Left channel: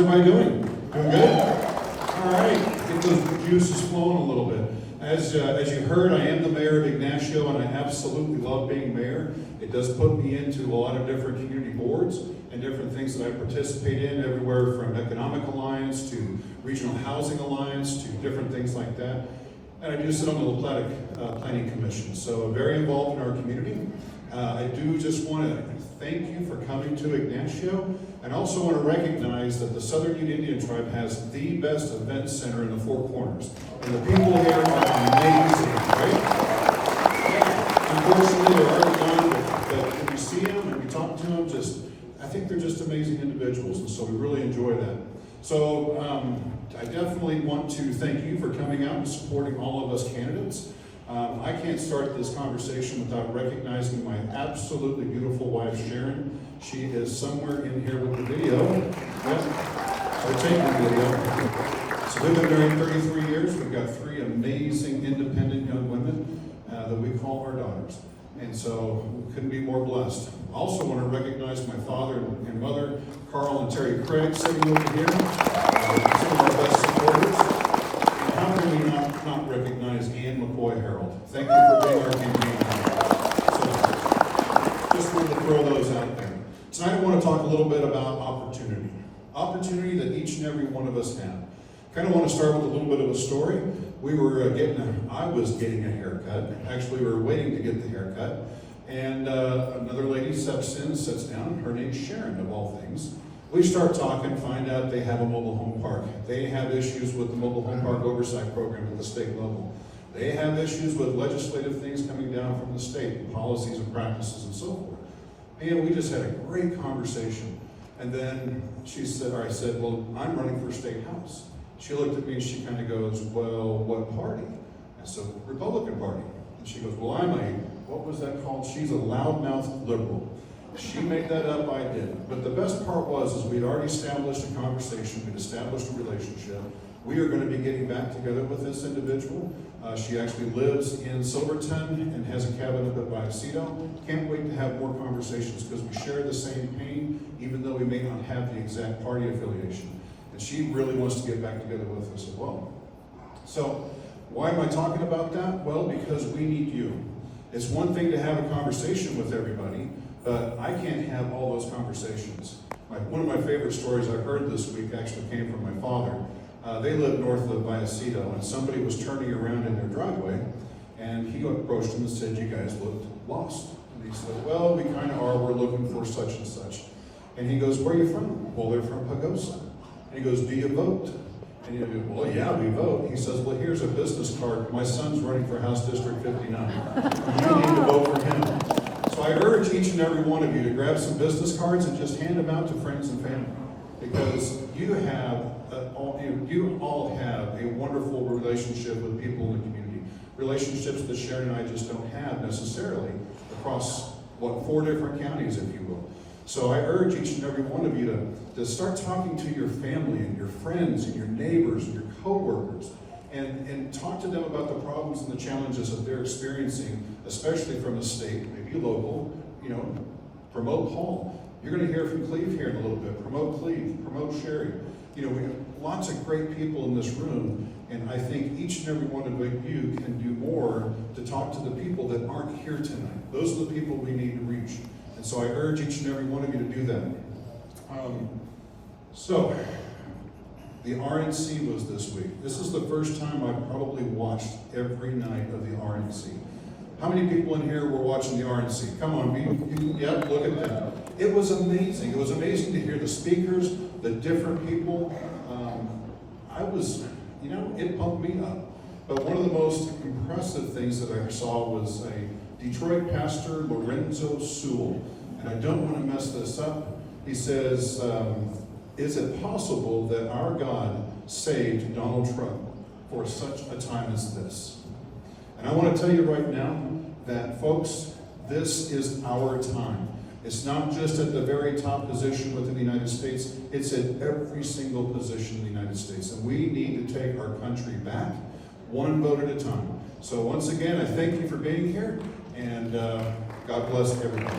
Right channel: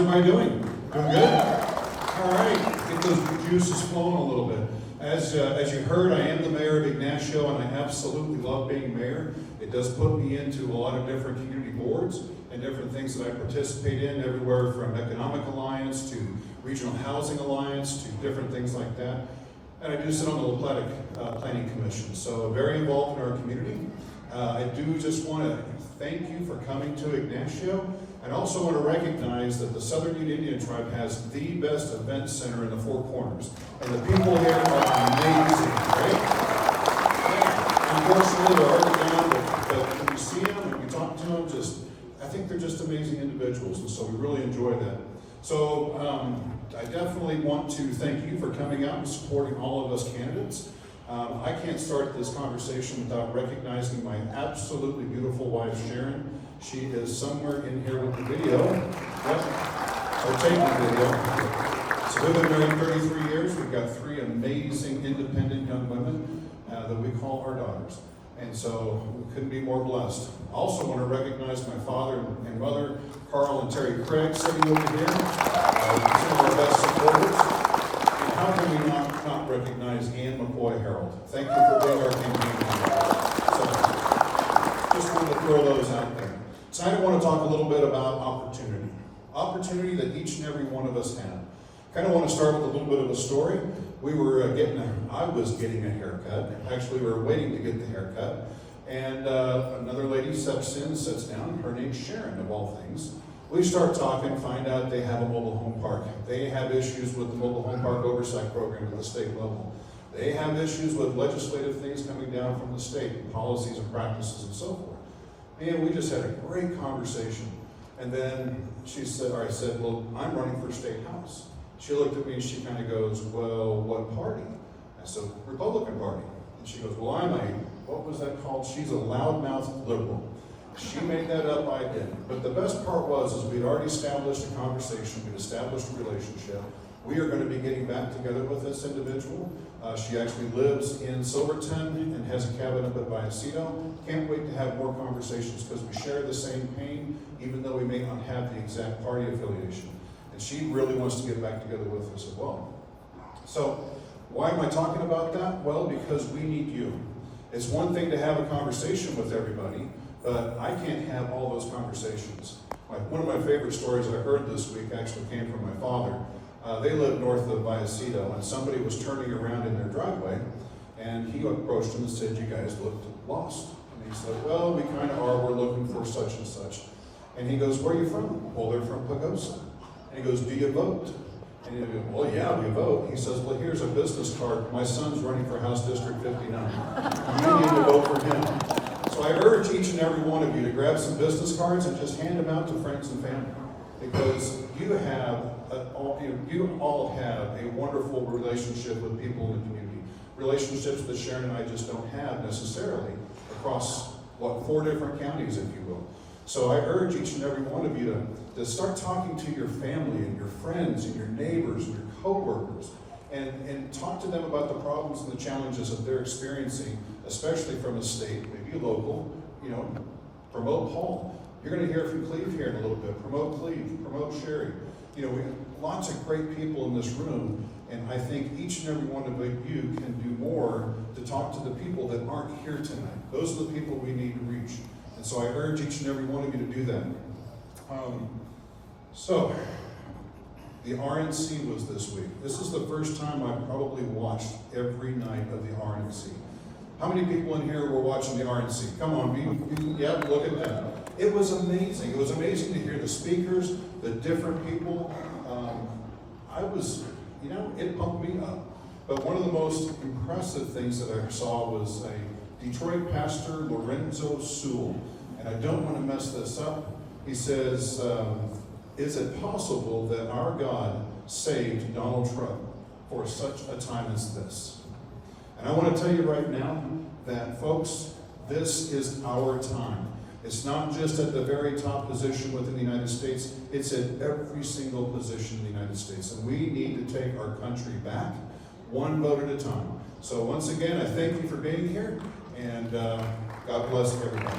Everybody doing? Doing good? All right, get those juices flowing a little bit. As you heard, I am the mayor of Ignacio, and I absolutely love being mayor. It does put me into a lot of different community boards and different things that I participate in, everywhere from Economic Alliance to Regional Housing Alliance to different things like that. And I do sit on the La Plata Planning Commission, so I'm very involved in our community. I do just want to thank you for coming to Ignacio, and also want to recognize that the Southern Ute Indian Tribe has the best event center in the Four Corners. And the people here are amazing, right? Unfortunately, they're already gone, but when we see them and we talk to them, I think they're just amazing individuals, and so we really enjoy that. So I definitely want to thank you for coming out and supporting all of us candidates. I can't start this conversation without recognizing my absolutely beautiful wife, Sharon. She is somewhere in here with the video. Yep. So taking the video. So we've been married 33 years. We've got 3 amazing, independent young women that we call our daughters. And so we couldn't be more blessed. I also want to recognize my father and mother, Carl and Terry Craig, sitting over here. Some of our best supporters. And how can we not recognize Ann McCoy Harold? Thank you for being our campaign manager. So just wanted to throw those out there. Tonight I want to talk a little bit about opportunity. Opportunity that each and every one of us have. Kind of want to start with a little bit of a story. I was getting a haircut. Actually, we were waiting to get the haircut. And another lady sits down. Her name's Sharon, of all things. We start talking, find out they have a mobile home park. They have issues with the mobile home park oversight program at the state level. They have issues with legislative things coming down from the state, policies and practices and so forth. And we just had a great conversation. And then I said, well, I'm running for state house. She looked at me and she kind of goes, well, what party? I said, Republican Party. And she goes, well, what was that called? She's a loudmouth liberal. She made that up, I didn't. But the best part was we'd already established a conversation, we'd established a relationship. We are going to be getting back together with this individual. She actually lives in Silverton and has a cabin up at Vallecito. Can't wait to have more conversations because we share the same pain, even though we may not have the exact party affiliation. And she really wants to get back together with us as well. So, why am I talking about that? Well, because we need you. It's one thing to have a conversation with everybody, but I can't have all those conversations. One of my favorite stories I heard this week actually came from my father. They lived north of Vallecito, and somebody was turning around in their driveway, and he approached them and said, you guys looked lost. And he said, well, we kind of are. We're looking for such and such. And he goes, where are you from? Well, they're from Pagosa. And he goes, do you vote? And he goes, well, yeah, we vote. He says, well, here's a business card. My son's running for House District 59. You need to vote for him. So I urge each and every one of you to grab some business cards and just hand them out to friends and family. Because you all have a wonderful relationship with people in the community. Relationships that Sharon and I just don't have necessarily across, 4 different counties, if you will. So I urge each and every one of you to start talking to your family and your friends and your neighbors and your coworkers and talk to them about the problems and the challenges that they're experiencing, especially from the state, maybe local, promote Paul. You're going to hear from Cleve here in a little bit. Promote Cleve, promote Sherry. We have lots of great people in this room, and I think each and every one of you can do more to talk to the people that aren't here tonight. Those are the people we need to reach. And so I urge each and every one of you to do that. So, the RNC was this week. This is the first time I've probably watched every night of the RNC. How many people in here were watching the RNC? Come on, yep, look at that. It was amazing. It was amazing to hear the speakers, the different people. It pumped me up. But one of the most impressive things that I saw was a Detroit pastor, Lorenzo Sewell. And I don't want to mess this up. He says, is it possible that our God saved Donald Trump for such a time as this? And I want to tell you right now that, folks, this is our time. It's not just at the very top position within the United States, it's at every single position in the United States. And we need to take our country back, one vote at a time. So once again, I thank you for being here, and God bless everybody.